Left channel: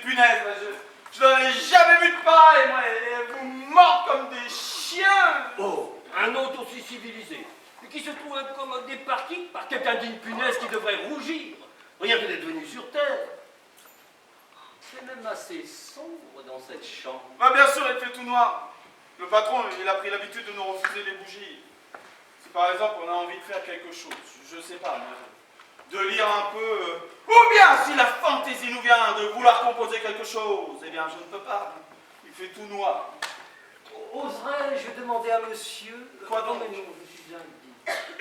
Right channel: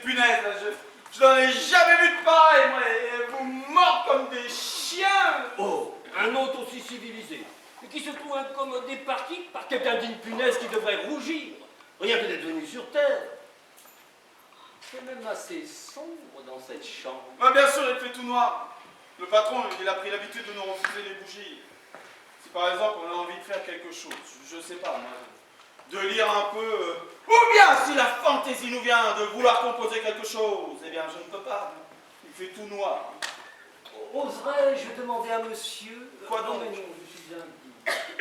punaises, là, je n'en ai jamais vu de pareil, moi, et vous mordent comme des chiens. Oh, un autre aussi civilisé, et qui se trouve incommodé par qui? Par quelqu'un d'une punaise qui devrait rougir, rien que d'être venu sur Terre. C'est même assez sombre dans cette chambre. Ah, bien sûr, il fait tout noir. Le patron, il a pris l'habitude de nous refuser les bougies. Si par exemple on a envie de faire quelque chose, je sais pas, moi, de lire un peu, ou bien si la fantaisie nous vient de vouloir composer quelque chose, eh bien je ne peux pas. Il fait tout noir. Oserais-je demander à monsieur... Quoi donc? Non, mais non, je suis indigne.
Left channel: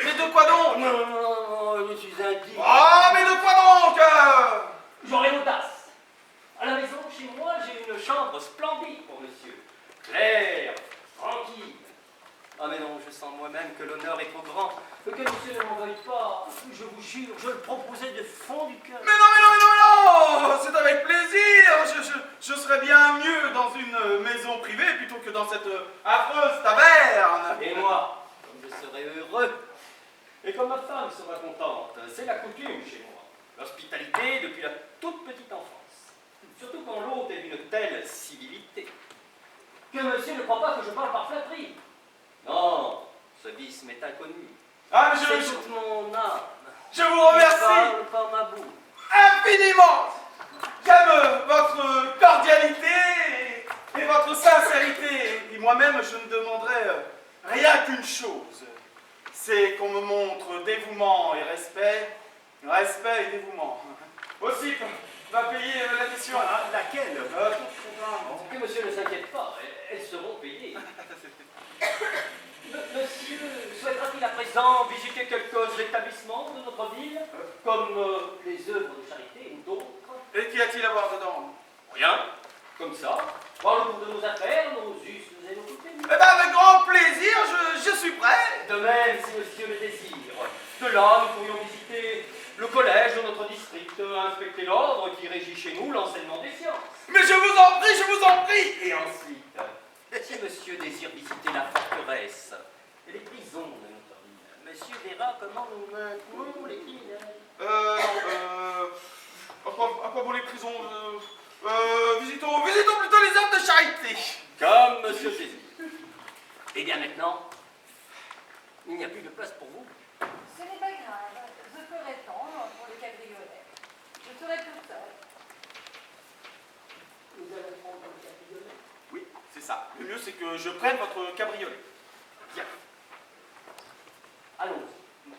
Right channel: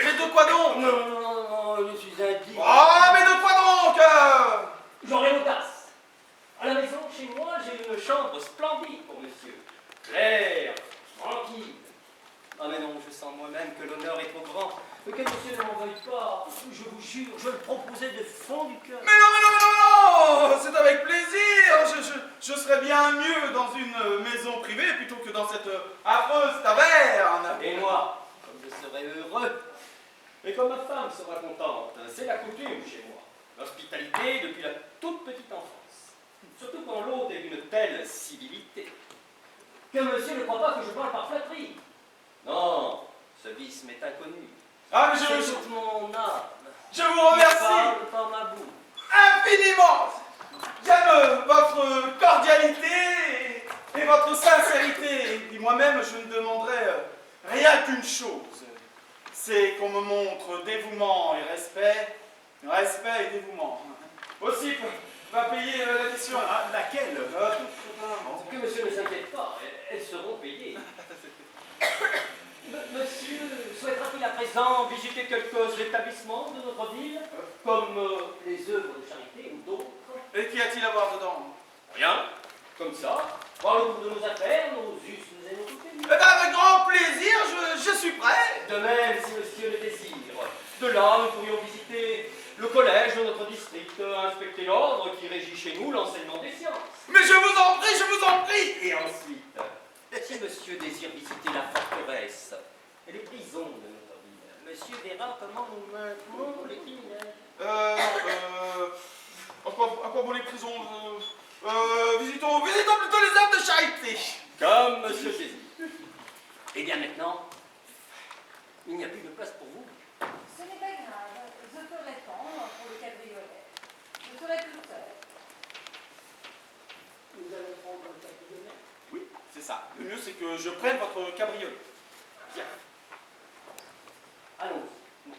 Mais de quoi donc? Non, je suis indigne. Ah, mais de quoi donc? J'aurai l'audace. À la maison, chez moi, j'ai une chambre splendide pour monsieur. Claire, tranquille. Ah mais non, je sens moi-même que l'honneur est trop grand. Que monsieur ne m'en veuille pas. Je vous jure, je le proposais de fond du cœur. Mais non, c'est avec plaisir. Je serais bien mieux dans une maison privée plutôt que dans cette affreuse taverne. Et moi, comme je serais heureux, et comme ma femme sera contente, c'est la coutume chez moi. L'hospitalité depuis la toute petite enfance. Surtout quand l'hôte est d'une telle civilité. Que monsieur ne croit pas que je parle par flatterie. Non, ce vice m'est inconnu. Ah, mais c'est toute mon âme. Je vous remercie. Parle par ma bouche. Infiniment. J'aime votre cordialité et votre sincérité. Et moi-même, je ne demanderais rien qu'une chose. C'est qu'on me montre dévouement et respect. Respect et dévouement. Aussi, va payer l'addition. Laquelle Que monsieur ne s'inquiète pas, elles seront payées. Monsieur souhaitera-t-il à présent visiter quelques établissements de notre ville, comme les œuvres de charité ou d'autres? Et qu'y a-t-il à voir dedans? Rien, comme ça. Dans le cours de nos affaires, nos us et nos coutumes. Eh bien, avec grand plaisir, je suis prêt. De même, si monsieur le désire. De là, nous pourrions visiter le collège de notre district, inspecter l'ordre qui régit chez nous l'enseignement des sciences. Mais je vous en prie, je vous en prie. Et ensuite, si monsieur désire visiter la forteresse et les prisons de notre ville, monsieur verra comment nous maintenons les criminels. À quoi bon les prisons? Visitons plutôt les œuvres de charité. Comme monsieur désire. Et bien maintenant, il n'y a plus de place pour vous. Ce n'est pas grave, je ferai tendre pour le cabriolet. Je serai tout seul. Nous allons prendre un cabriolet. Oui, c'est ça. Le mieux, c'est que je prenne votre cabriolet. Bien. Allons-y.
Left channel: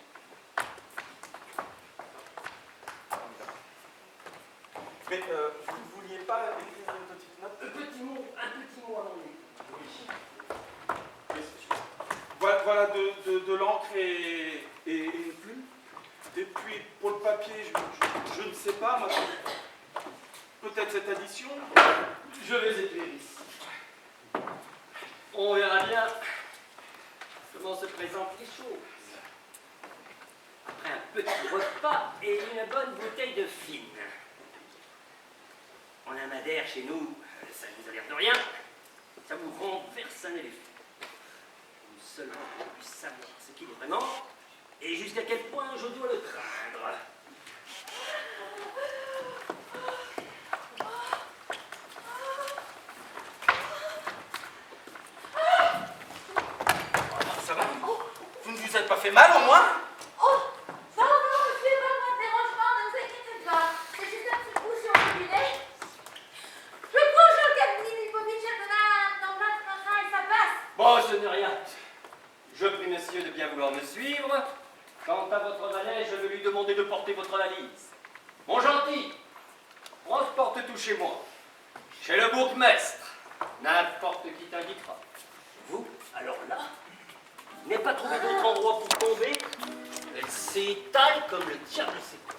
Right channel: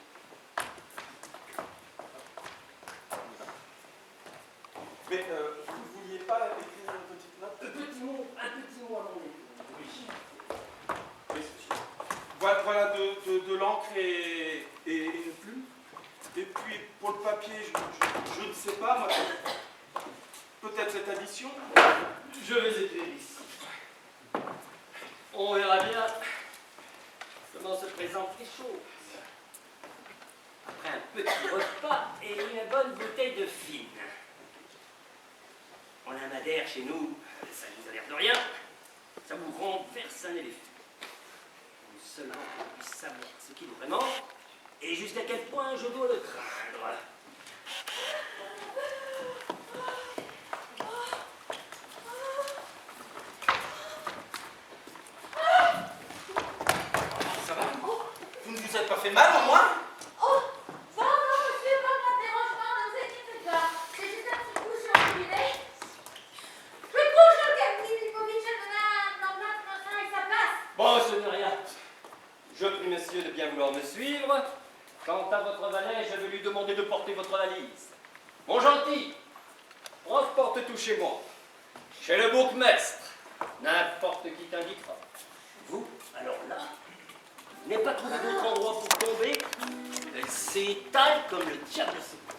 Mais vous ne vouliez pas écrire une petite note? Un petit mot à mon époux. Oui, voilà de l'encre et une plume. Et puis, pour le papier, je ne sais pas, moi, peut-être cette addition. Je vais écrire ici. On verra bien comment se présentent les choses. Après un petit repas et une bonne bouteille de fine. On a un madère chez nous, ça ne nous a l'air de rien. Ça vous renverse un éléphant. Pour seulement qu'on puisse savoir ce qu'il est vraiment et jusqu'à quel point je dois le craindre. Ça va? Vous ne vous êtes pas fait mal, au moins? Oh, pardon, monsieur, pas mon dérangement, ne vous inquiétez pas. C'est juste un petit coup sur le filet. Je couche au cabinet Lipovitch, je donne un emplâtre comme ça et ça passe. Bon, ce n'est rien. Je prie monsieur de bien vouloir me suivre. Quant à votre valet, je vais lui demander de porter votre valise. Mon gentil, transporte tout chez moi. Chez le bourgmestre. N'importe qui t'indiquera. Vous, alors là, vous n'avez pas trouvé d'autre endroit pour tomber. Elle s'étale comme le diable sait quoi.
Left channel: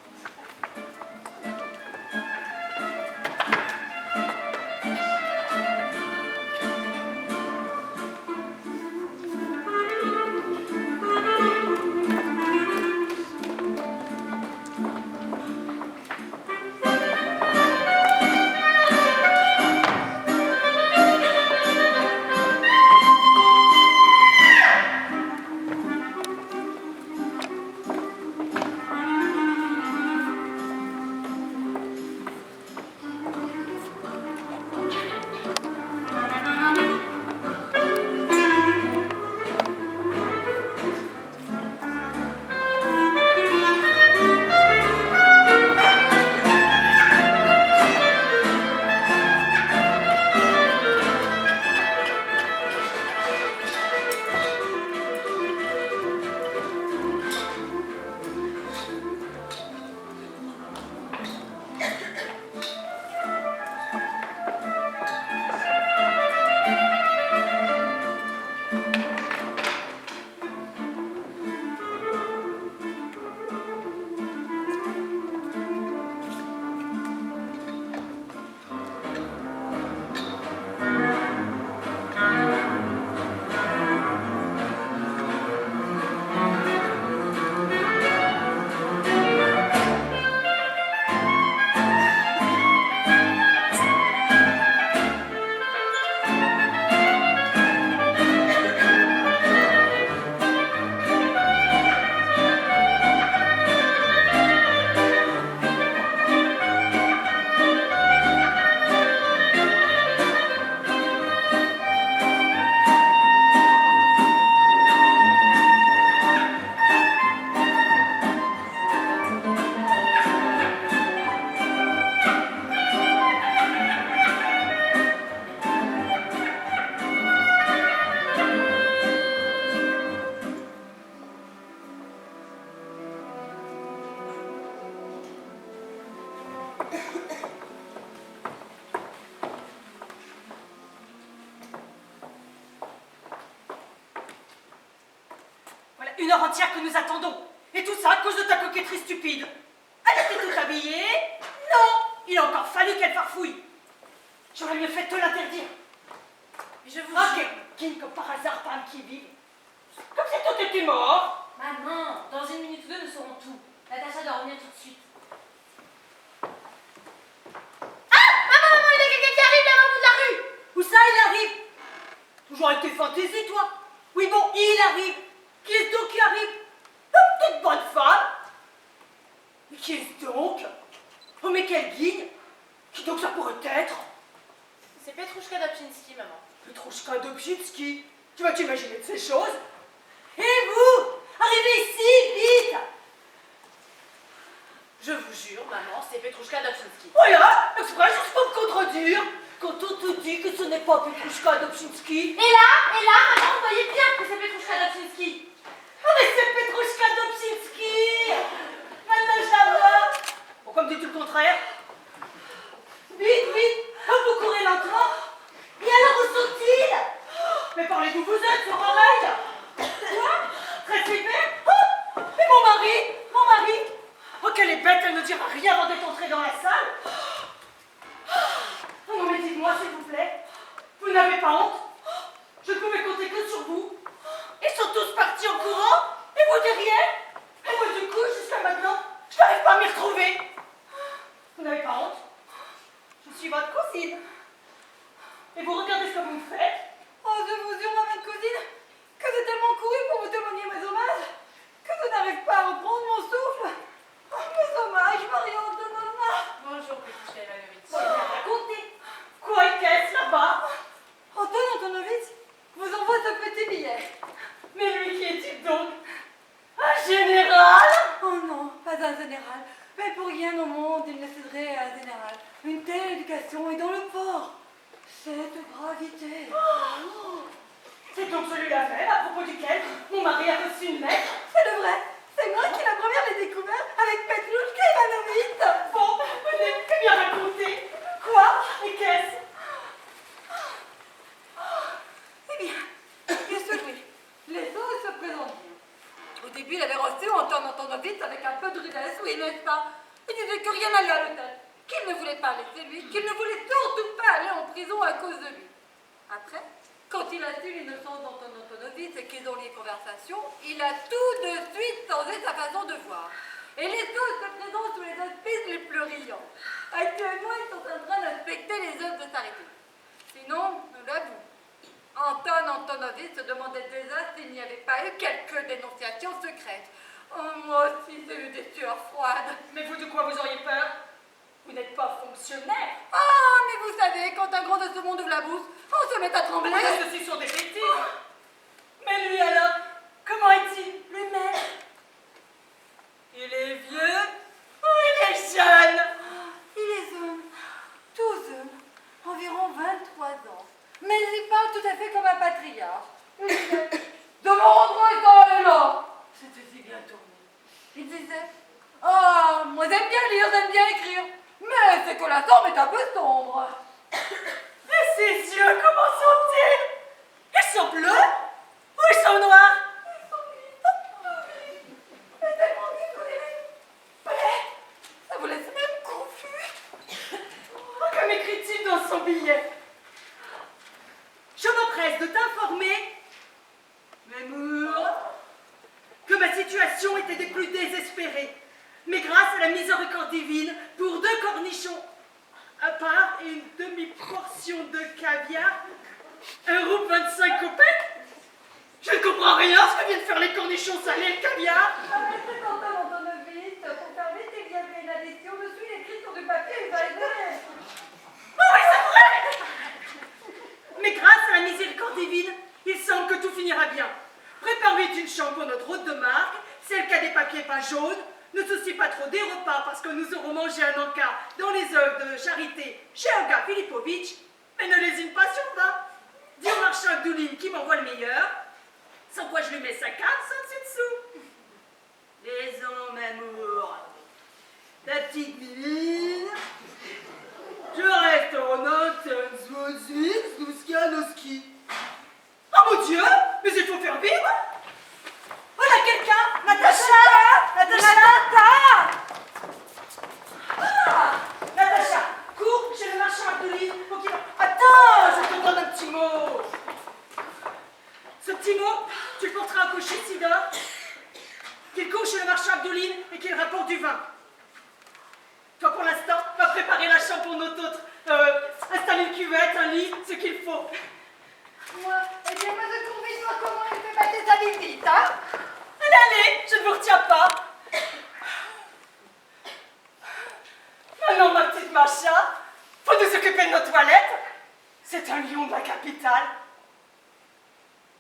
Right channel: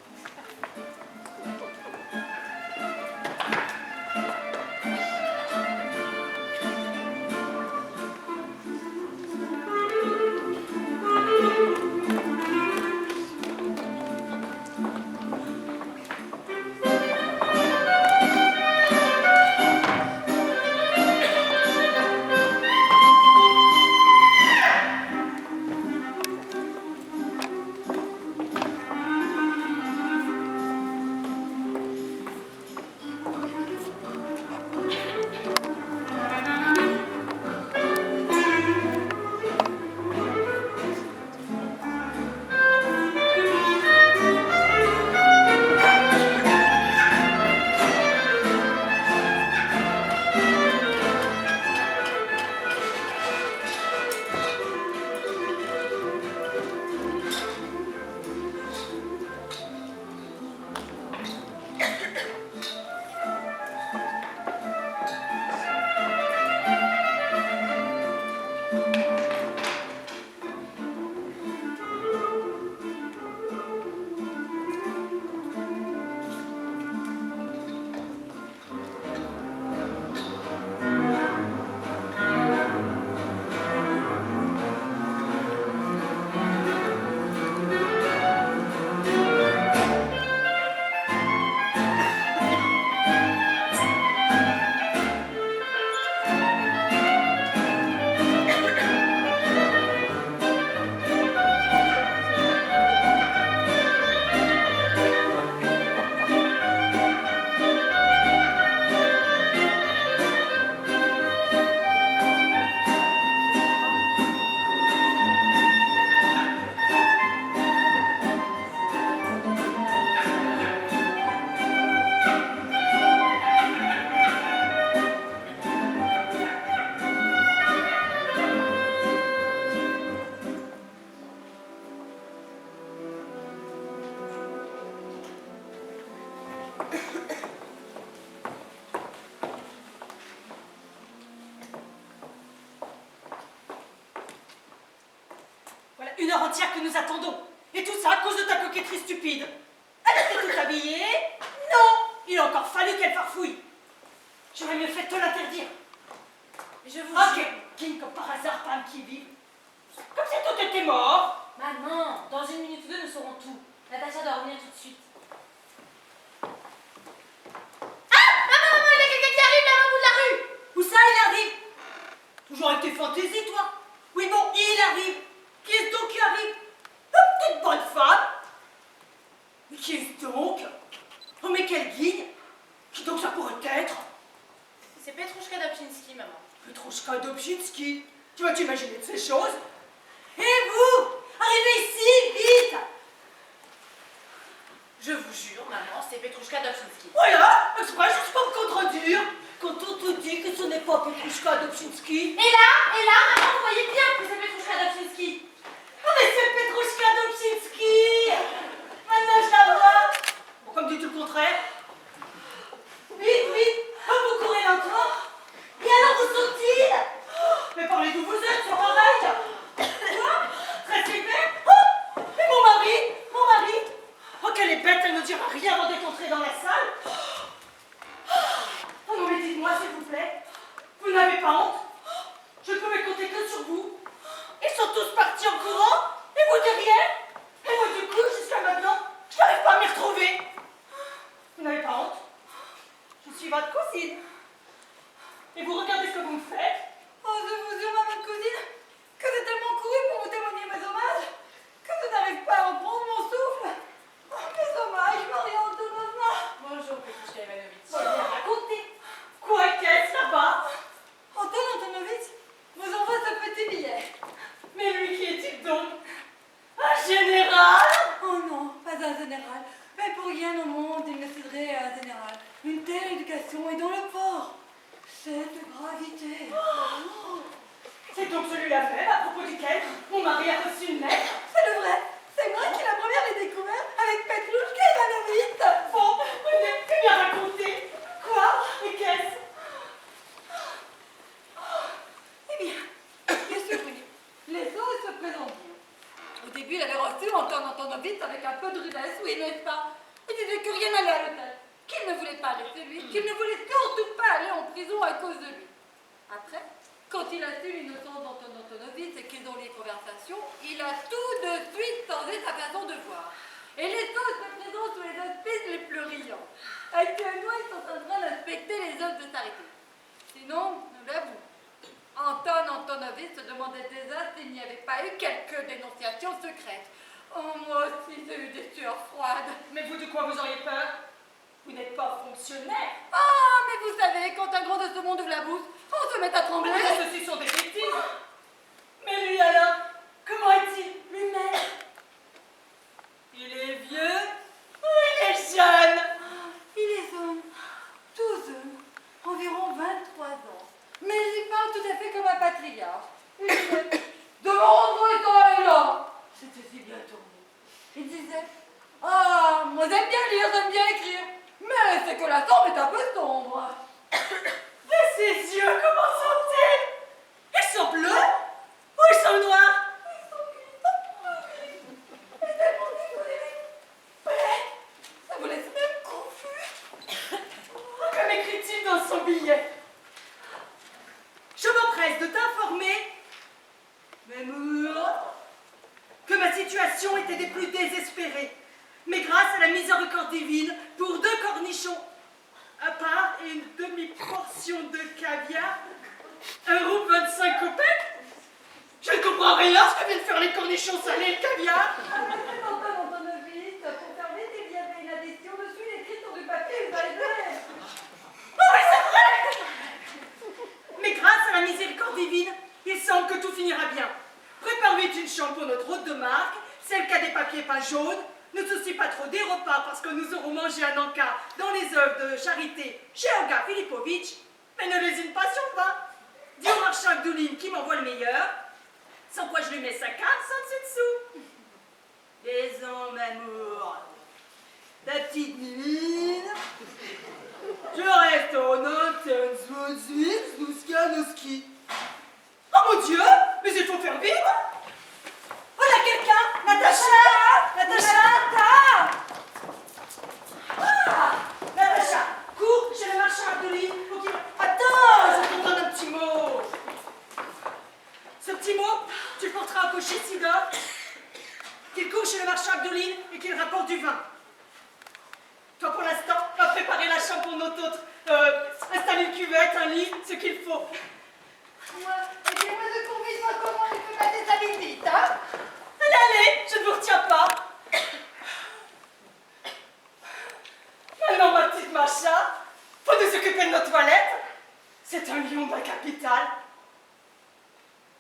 une heure entière que nous attendons. Et tout ça à cause de ta coquetterie stupide. Elle était toute habillée. Non, il a encore fallu qu'elle farfouille. J'aurais mieux fait de te l'interdire. Mais je vous Ah, jure. King, comme par hasard, pas un qui vive. Comme si tout était mort. Maman, dans une minute ou deux, nous saurons tout. Natacha doit revenir tout de suite. Ah, maman, il y a quelqu'un qui arrive là au bout de la rue. Où ça, il arrive? Toujours avec tes fantaisies, toi. Oui, bon, il arrive. Qui est-ce donc qui arrive? La petite bonne femme. Mais qui est-ce donc? Oh, mais quelle guigne. Qui donc ça pourrait être? C'est Petrouchka Dobchinski, maman. Petrouchka Dobchinski. Tu vas t'imaginer de ces choses? Et vous? Arrivez ici, vite. Je vous jure, maman, c'est Petrouchka Dobchinski. Voilà, exprès juste pour me contredire. Quand on te dit que ce n'est pas Petrouchka Dobchinski. Et là, maman, vous voyez bien que c'est Petrouchka Dobchinski. Oh, mais c'est Petrouchka Dobchinski. Maintenant, je la vois. Bon, comme dit tout le contraire. Vite, vite. Oh, vous courez lentement. Et alors, où sont-ils? Mais parlez d'où vous êtes, sur oreille. Quoi? Très flippé? Oh, et mon mari. Oh, qu'elle est bête, elle ne dira rien avant d'être entrée dans la salle. Oh non, mais dites-moi, s'il vous plaît, vous n'avez pas honte? Je ne pouvais compter que sur vous. Ils sont tous partis en courant, et vous dites rien? Et moi, du coup, jusqu'à maintenant, je n'arrive pas à m'y retrouver. Vous n'avez pas honte? Je suis votre cousine. Et vous regardez ce que vous me faites? Oh, je vous jure, ma cousine, que j'ai tellement couru pour vous témoigner mes hommages, que je n'arrive pas à reprendre mon souffle. Oh, mes hommages, Marie Antonovna. Bonjour, Petrouchka Ivanovitch. Bon, racontez. Quoi qu'est-ce là-bas? Anton Antonovitch vous envoie ce petit billet. Mais lui, qui est-il donc? Un général? Oh non, pas un général. Mais pour rien au monde, il ne céderait à un général. Une telle éducation est dans le port. Cette gravité. Oh, c'est donc celui-là même à propos duquel mon mari a reçu une lettre? C'est le vrai. C'est moi qui la première l'ai découvert avec Petrouchka Ivanovitch. Bon, venez, que bien raconter. Quoi? Et qu'est-ce? Eh bien, il est surpris. Les choses se présentent bien. Au début, il avait reçu Anton Antonovitch avec un peu de rudesse, oui, n'est-ce pas? Il disait que rien n'allait à l'hôtel, qu'il ne voulait pas laisser lui, qu'il ne voulait surtout pas aller en prison à cause de lui. Après, quand il a su l'innocence d'Anton Antonovitch et qu'ils ont eu les conversations, il a tout de suite changé sa façon de voir. Et les choses se présentent sous les auspices les plus riants. Actuellement, ils sont en train d'inspecter les œuvres de charité. Sinon, nous l'avouons, Anton Antonovitch se demandait déjà s'il n'y avait pas eu quelques dénonciations secrètes. Oh, moi aussi, j'ai eu des sueurs froides. Mais vous, de quoi vous auriez peur? Vous n'êtes pas fonctionnaire. Ah, mais vous savez, quand un grand de ce monde ouvre la bouche, on se met à trembler. Mais ceux-ci sont détectives. Mais lui alors, comment est-il lui-même? Il est vieux ou il est jeune? Il est jeune, tout jeune, environ 23 ans. Mais il parle tout à fait comme un patriarche. Il disait, de mon rendre et là. C'était si bien tourné. Il disait, ah, moi j'aime bien lire, j'aime bien écrire. Mais c'est que la tombe est un peu sombre. Et ses yeux, comment sont-ils? Ils sont bleus ou ils sont noirs? Il est tellement décoloré. Ça vous laisse même confus. Que m'écrit-il dans son billet? Je m'empresse de t'informer, Mamour, que ma situation était des plus désespérées. Mais grâce à la miséricorde divine, pour 2 cornichons à part et une demi-portion de caviar, 1,25 kopecks, je ne comprends rien à ce que viennent faire les cornichons salés et le caviar. Avec cet Anton Antonovitch, pour faire vite, il y avait une addition dessus écrite sur du papier usagé. Oh oui, c'est vrai! Mais grâce à la miséricorde divine, il semble que tout finira bien. Prépare vite une chambre pour notre hôte de marque, celle qui a des papiers peints jaunes. Ne soucie pas trop des repas parce que nous aurons mangé un encas dans les œuvres de charité chez Olga Filipovitch. Mais ne lésine pas sur 20. Dis au marchand Abdouline qui m'envoie le meilleur. Sans quoi je lui mets sa carte sans dessus dessous. Les hommes, amour. Ta petite mine. Je reste en Antenswozwitz, Louskianowski. Oh mon Dieu, mais il faut faire vivre. Voilà quelqu'un installer une cuvette, un lit, ce qu'il faut. Moi, aidez-moi de convaincre comment elle fait ma déshabilité, hein? Allez, allez, je ne vous retiens pas. Maintenant, ma petite Macha, faut nous occuper de nos toilettes. C'est un lion de la capitale.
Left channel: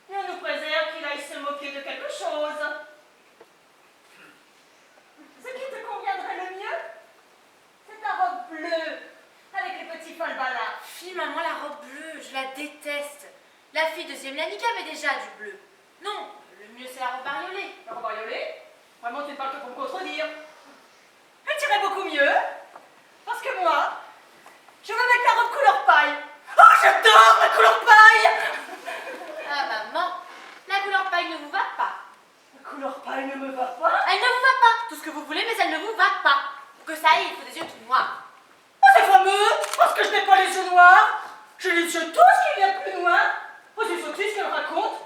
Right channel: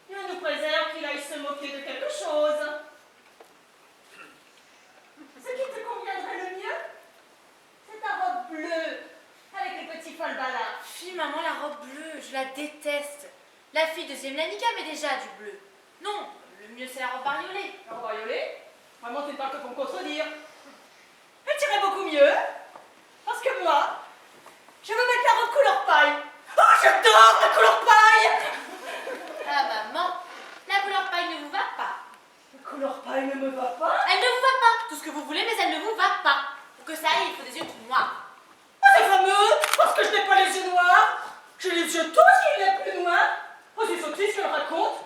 Et on nous préserve qu'il aille se moquer de quelque chose. Ce qui te conviendrait le mieux, c'est ta robe bleue, avec les petits falbalas. Fille, maman, la robe bleue, je la déteste. La fille de Zemlanica met déjà du bleu. Non, le mieux c'est la robe bariolée. La robe bariolée, vraiment, tu ne parles que pour me contredire. Elle t'irait beaucoup mieux, parce que moi, je veux mettre la robe couleur paille. Oh, j'adore la couleur paille! Ah, maman, la couleur paille ne vous va pas. La couleur paille ne me va pas. Elle ne vous va pas. Tout ce que vous voulez, mais elle ne vous va pas. Pour que ça aille, il faut des yeux tout noirs. Oh, c'est fameux, parce que je n'ai pas les yeux noirs. J'ai les yeux tous qu'il y a plus noirs. Oh, c'est sottise qu'elle raconte.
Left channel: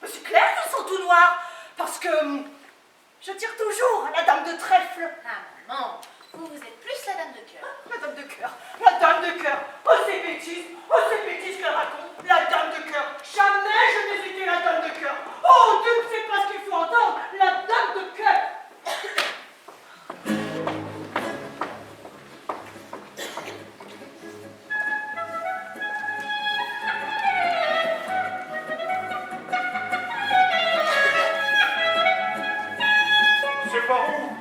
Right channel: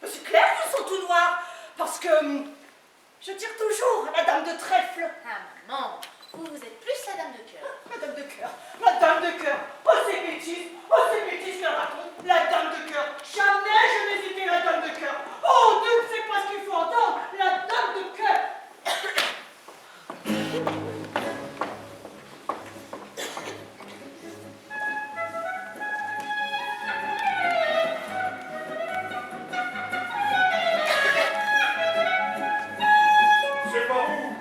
Mais c'est clair qu'ils sont tout noirs, parce que je tire toujours la dame de trèfle. Ah, maman, vous êtes plus la dame de cœur. La dame de cœur, la dame de cœur. Oh, c'est bêtise qu'elle raconte. La dame de cœur. Jamais je n'ai été la dame de cœur. Oh, Dieu ne sait pas ce qu'il faut entendre. La dame de cœur. C'est par où?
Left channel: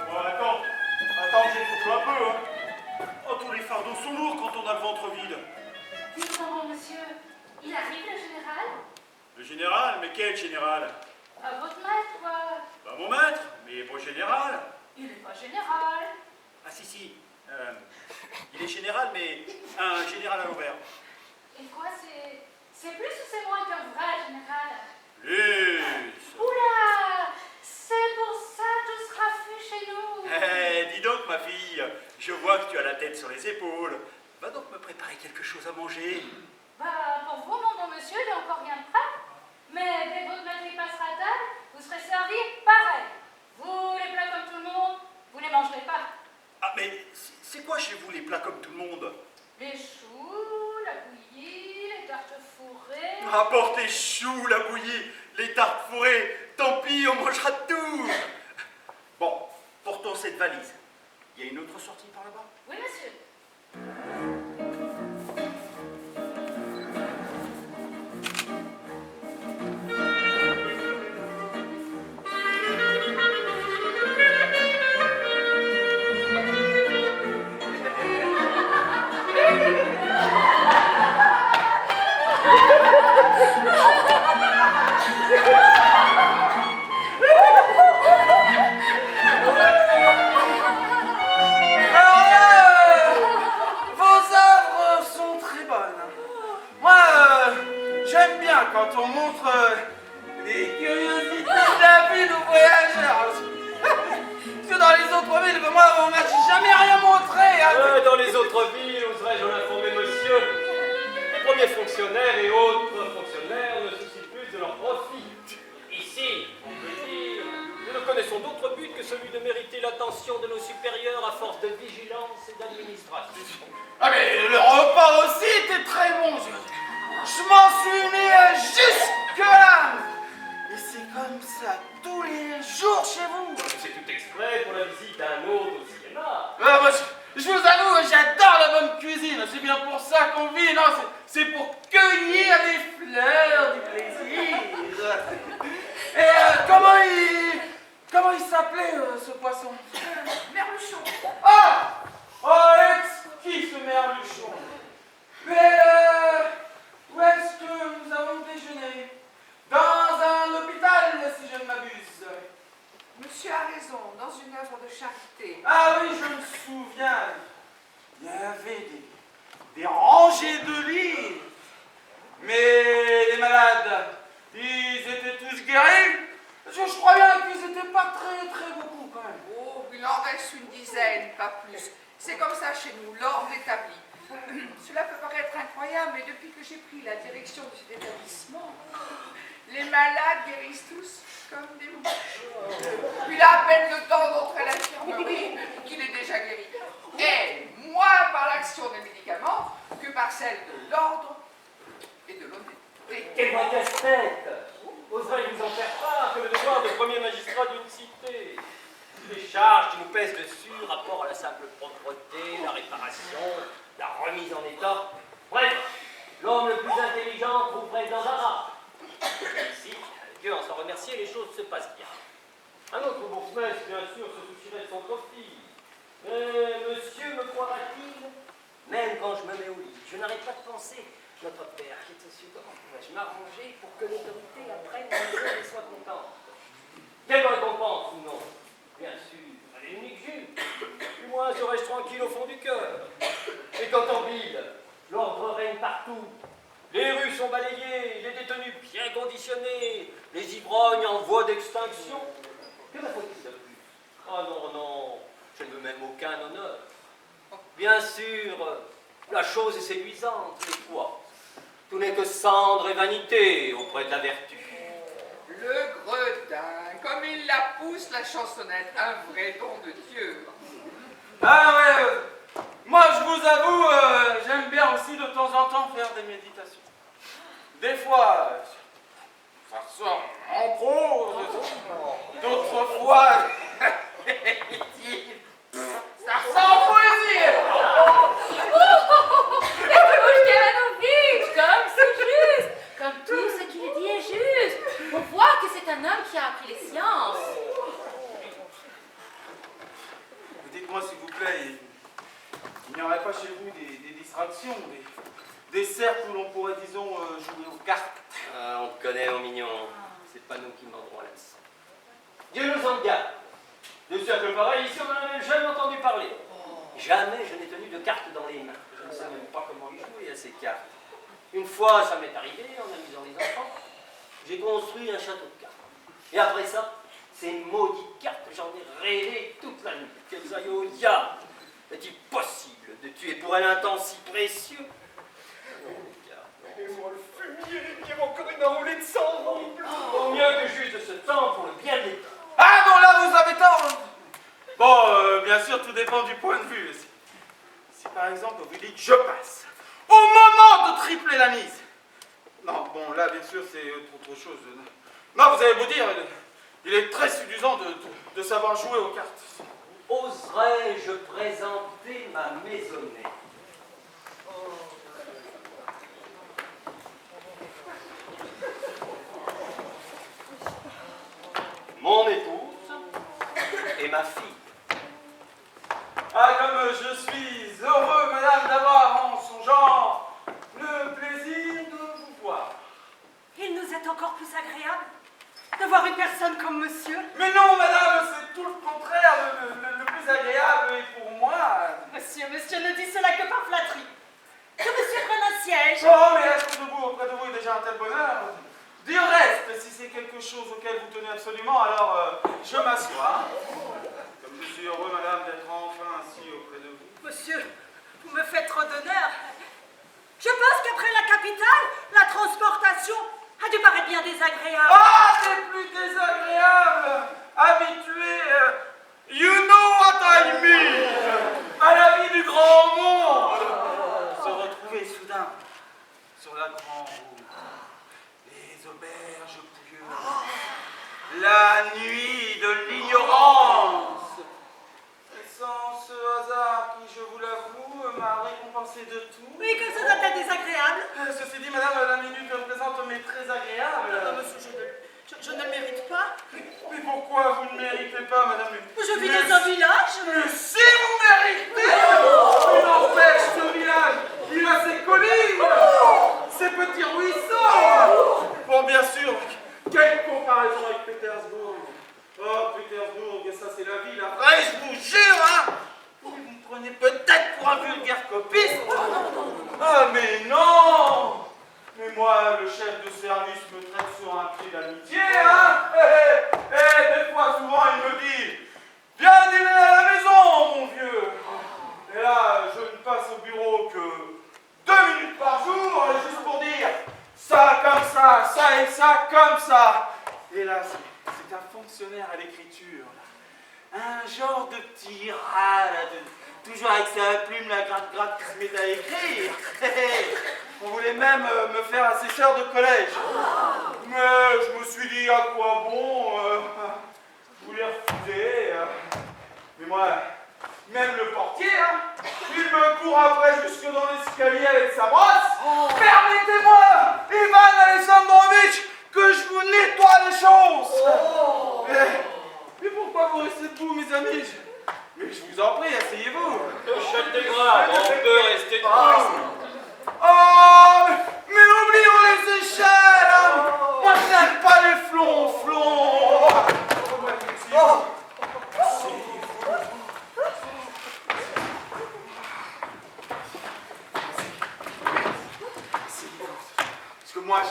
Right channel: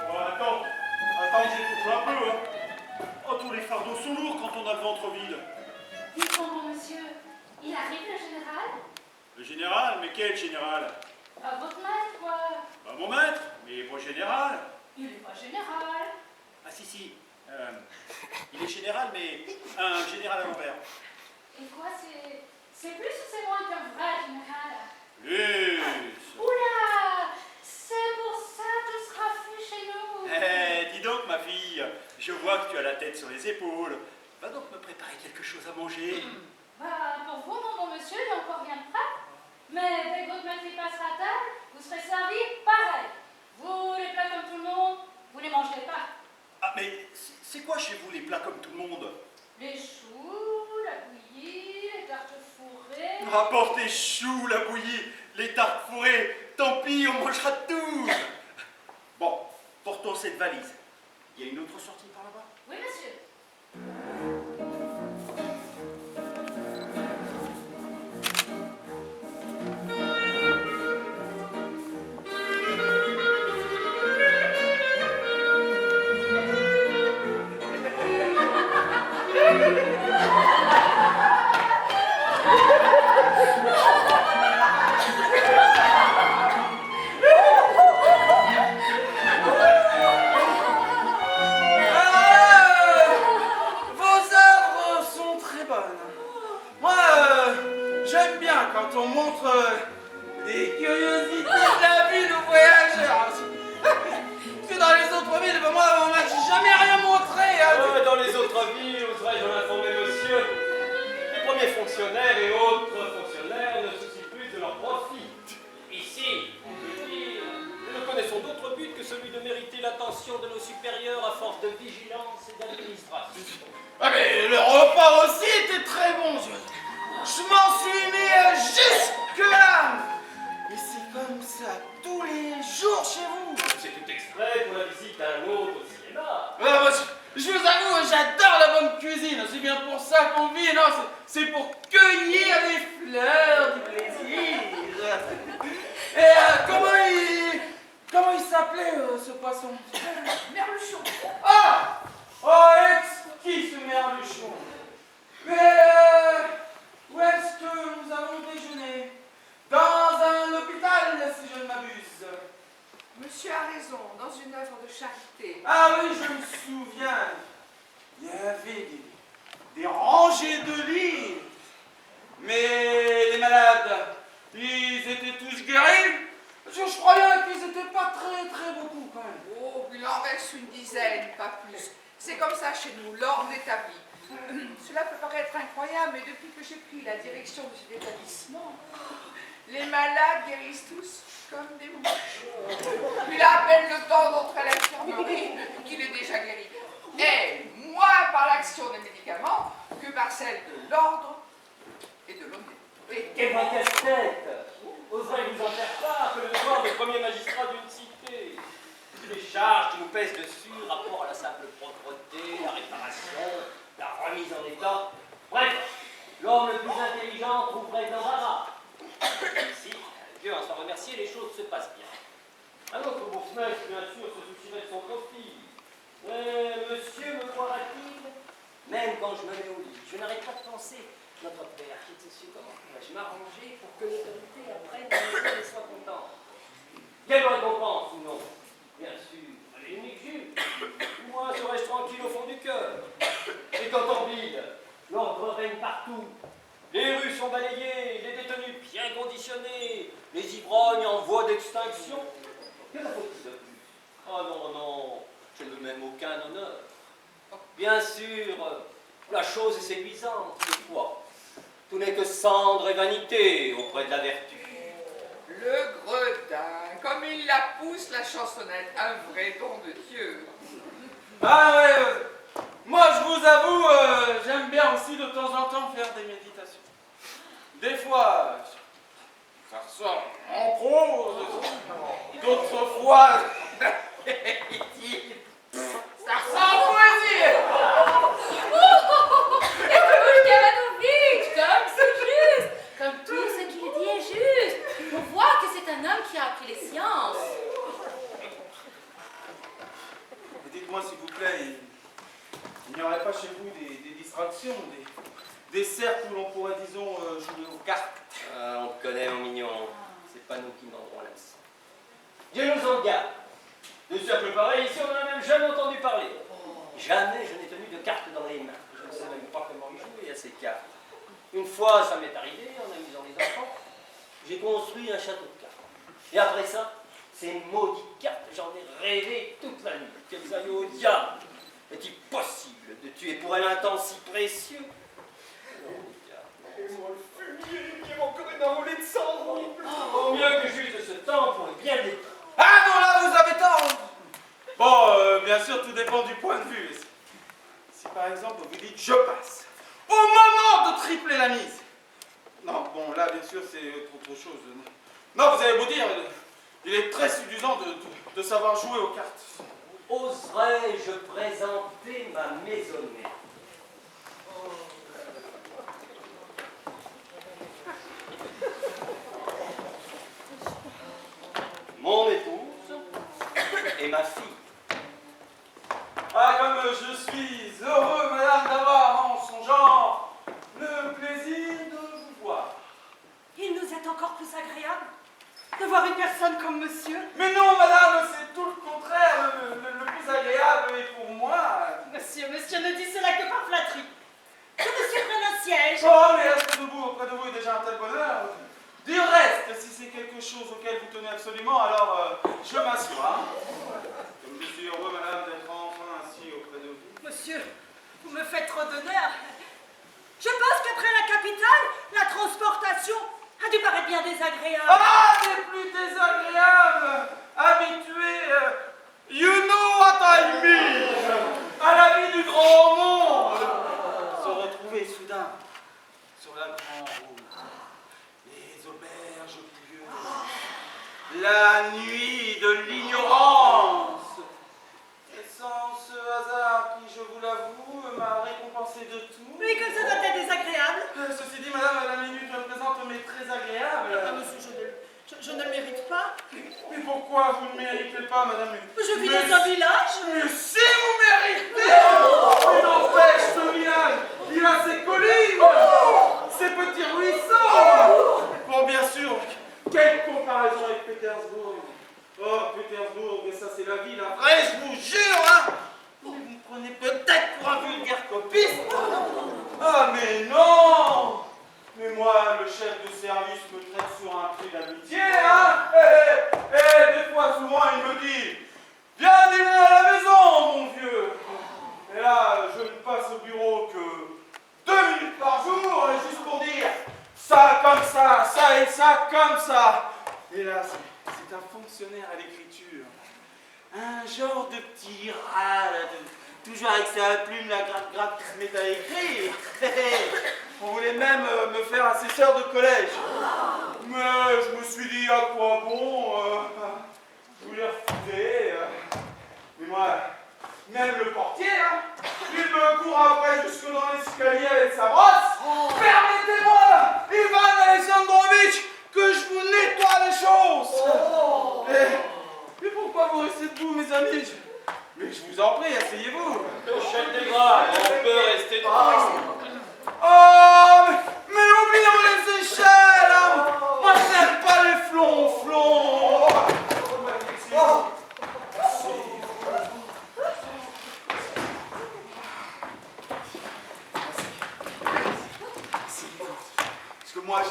Oh, attends, j'écoute un peu, hein. Oh, tous les fardeaux sont lourds quand on a le ventre vide. Dites-moi, monsieur, il arrive le général? Le général? Mais quel général? À votre maître, quoi. Bah, mon maître, mais pas général. Il est pas général. Ah, si, il est général, mais un général à l'envers. Et quoi, c'est plus ou c'est moins qu'un vrai général? Plus. Oula! C'est pour ça tout sera fait chez nous. Eh, dis donc, ma fille, je vois que tu as la tête sur les épaules. Va donc me préparer quelque chose à manger. Bah, pour vous, mon bon monsieur, il n'y a encore rien de prêt. Mais dès que votre maître y passera à table, vous serez servi pareil. Vous, les plats comme tout le monde, vous ne les mangerez pas. Ah, mais c'est quoi chez vous les plats comme tout le monde? Les choux, la bouillie, les tartes fourrées. Rapporte les choux, la bouillie, les tartes fourrées. Tant pis, on mangera de tout. Bon, portons cette valise. Il y a une autre sortie par là-bas? Oui, monsieur. Vos œuvres sont très bonnes. Moi, j'aime bien quand on montre des curiosités de la vie aux voyageurs. Parce que dans les autres villes, moi, on m'a jamais rien montré. Hein. Dans les autres villes, oserais-je en informer monsieur, les premiers fonctionnaires et autres fonctionnaires ne soucient plus de leur profit. Ici, on peut dire, nous ne connaissons d'autre but que celui de mériter l'attention de nos supérieurs à force de vigilance et d'administration. Ah mais le repas aussi était très bon. Je m'en suis mis jusque-là. Et c'est comme ça tous les jours chez vous. C'est tout exprès pour la visite à un autre au cinéma. Moi, je vous avoue, j'adore la bonne cuisine. C'est bien pour ça qu'on vit. Non, c'est pour cueillir les fleurs du plaisir. Et comment il s'appelait ce poisson? Merluchon. Ah! Oh, exquis ce merluchon. Mais où est-ce que nous avons déjeuné? Dans un hôpital, si je ne m'abuse. Monsieur a raison, dans une œuvre de charité. Ah oui, je me souviens. Il y avait des rangées de livres. Mais les malades, ils étaient tous guéris. Je crois bien qu'ils n'étaient pas très beaucoup quand même. Oh, il en reste une dizaine, pas plus. C'est comme ça chez nous, l'ordre établi. Cela peut paraître incroyable, mais depuis que j'ai pris la direction de cet établissement, Les malades guérissent tous comme des mouches. Il a à peine le temps d'entrer à l'infirmerie qu'il est déjà guéri. Et moins par l'action des médicaments que par celle de l'ordre et de l'honnêteté. Quel vrai casse-tête! Oserais-je vous en faire part que le devoir de premier magistrat d'une cité? Les charges qui nous pèsent dessus, rapport à la simple propreté, la réparation, la remise en état. Bref, l'homme le plus intelligent trouverait de l'embarras. Ici, Dieu en soit remercié, les choses se passent bien. Un autre bourgmestre, bien sûr, se soucierait de son profit. Mais monsieur me croira-t-il? Même quand je me mets au lit, je n'arrête pas de penser. Notre père, qui est aussi, comment pourrais-je m'arranger pour que l'autorité la prenne dans les mains et soit contente? Quelle récompense ou non? Bien sûr, à l'unique juge. Du moins serais-je tranquille au fond du cœur. Et quand en ville, l'ordre règne partout. Les rues sont balayées, les détenus bien conditionnés, les ivrognes en voie d'extinction. Que me faut-il de plus? Ah non, non, je ne veux même aucun honneur. Bien sûr, la chose est séduisante, c'est quoi? Tout n'est que cendre et vanité auprès de la vertu. Le gredin, comme il la pousse, la chansonnette, un vrai don de Dieu. Ah ouais, moi je vous avoue, j'aime bien aussi de temps en temps faire des méditations. Des fois, ça sort en prose, d'autres fois, ça ressort en poésie. Comme c'est juste, comme tout ce qu'il dit est juste. On voit que c'est un homme qui a appris les sciences. Dites-moi s'il vous plaît, il n'y aurait pas chez vous des distractions, des cercles où l'on pourrait, disons, jouer aux cartes? Ah, on te connaît, mon mignon. C'est pas nous qui mordrons la leçon. Dieu nous en garde. De cercles pareils, ici, on n'en a même jamais entendu parler. Jamais je n'ai tenu de cartes dans les mains. Je ne sais même pas comment y jouer à ces cartes. Une fois, ça m'est arrivé, en amusant les enfants, j'ai construit un château de cartes. Et après ça, ces maudites cartes, j'en ai rêvé toute la nuit. Qu'elles aillent au diable. Est-il possible de tuer pour elle un temps si précieux? Et moi, le fumier, il y a encore une enroulée de sang. Au mieux que juste de ce temps pour le bien de l'État. Ah non, là vous avez tort. Bon, bien sûr, tout dépend du point de vue. Si par exemple vous dites je passe, au moment de tripler la mise. Non, bon, là bien sûr c'est autre chose. Non, vous avez beau dire, il est très séduisant de savoir jouer aux cartes. Oserais-je présenter ma maisonnée? Mon épouse et ma fille. Ah, comme je suis heureux, madame, d'avoir en son genre le plaisir de vous voir. Il nous est encore plus agréable de voir une personne comme monsieur. Mais non, madame, c'est tout le contraire. Le plus agréable est pour moi. Monsieur ne dit cela que par flatterie. Que monsieur prenne un siège. Oh, mais être debout auprès de vous est déjà un tel bonheur. Du reste, si c'est quelque chose auquel vous tenez absolument, alors je m'assois. Comme je suis heureux, madame, d'être enfin assis auprès de vous. Monsieur, vous me faites trop d'honneur. Je pense qu'après la capitale, la transportation a dû paraître bien désagréable. Ah, c'est plus désagréable. Habitué, you know what I mean, à la vie du grand monde. Se retrouver soudain sur la grande route, les auberges pouilleuses, la nuit de l'ignorance. Et sans ce hasard qui, je vous l'avoue, m'a récompensé de tout. Oui, que ça doit être désagréable. Ceci dit, madame, la minute représente mes très agréables. Ah, monsieur, je ne le mérite pas. Mais pourquoi vous ne méritez pas, madame? Je vis dans un village. Mais si vous méritez! Mais n'empêche, ce village, il a ses collines, ses petits ruisseaux. Bon, bien sûr, quelle comparaison avec Pétersbourg. Oh, Pétersbourg, ça c'est la ville, la vraie, je vous jure, hein. Vous me prenez peut-être pour un vulgaire copiste. Ah, mais non! Mais moi, le chef de service me traite sur un pied d'amitié, hein? Et des fois, souvent, il me dit « Viens dîner à la maison, mon vieux !» Et là, je ne passe au bureau que 2 minutes par jour, juste pour dire « Ça comme ça et ça comme comme ça. Et là, c'est un fonctionnaire à l'écriture. Un genre de petit rat, là, toujours avec sa plume, la gratte qui se met à écrire. On voulait même me faire assesseur de collège. Mais je me suis dit, à quoi bon, je voulais refuser. Mais moi, même le portier, hein, il me court après jusque dans l'escalier avec sa brosse. Permettez-moi, Ivan Alexandrovitch, que je vous nettoie les choses. Et pourquoi vous restez debout, mes amis? Mais je vous en prie, asseyez-vous. Touchette des grades, on peut rester debout. Oh, mais oublions les échelles, hein. Moi, je n'aime pas les flonflons. Parce que moi,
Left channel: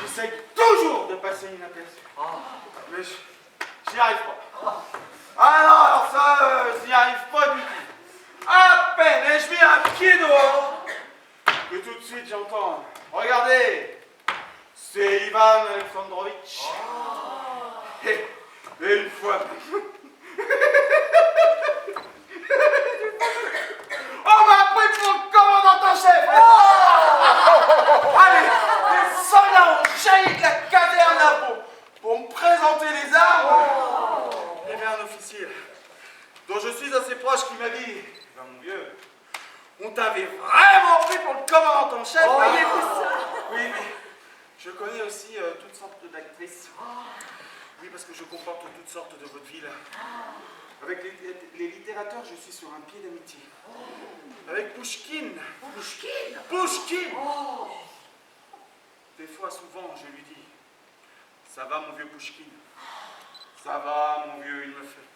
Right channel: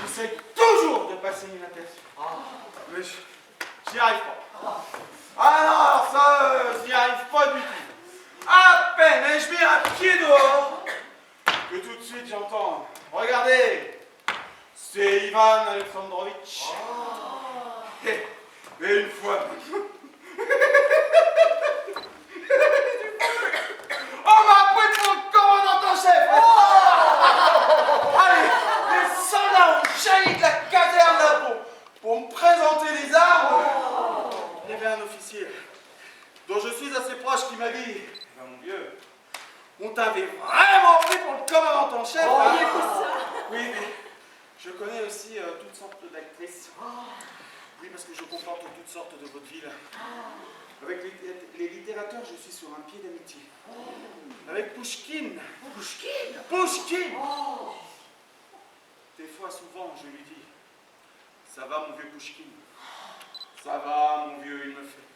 j'essaie toujours de passer inaperçu. Mais j'y arrive pas. Ah non, alors ça, j'y arrive pas du tout. À peine ai-je mis un pied dehors que tout de suite j'entends. Regardez, c'est Ivan Alexandrovitch. Mais une fois. On m'a pris pour le commandant en chef. Allez, les soldats ont jailli de la caserne là pour me présenter les armes. Il y avait un officier dont je suis assez proche qui m'a dit, ben mon vieux, on t'avait vraiment pris pour le commandant en chef. Oui, mais je connais aussi toutes sortes d'actrices. Oui, parce que je comporte toutes sortes de vaudevilles. Avec les littérateurs, je suis sur un pied d'amitié. Avec Pouchkine. Pouchkine. Des fois, souvent, je lui dis, ça va mon vieux Pouchkine. Ça va mon vieux, il me fait.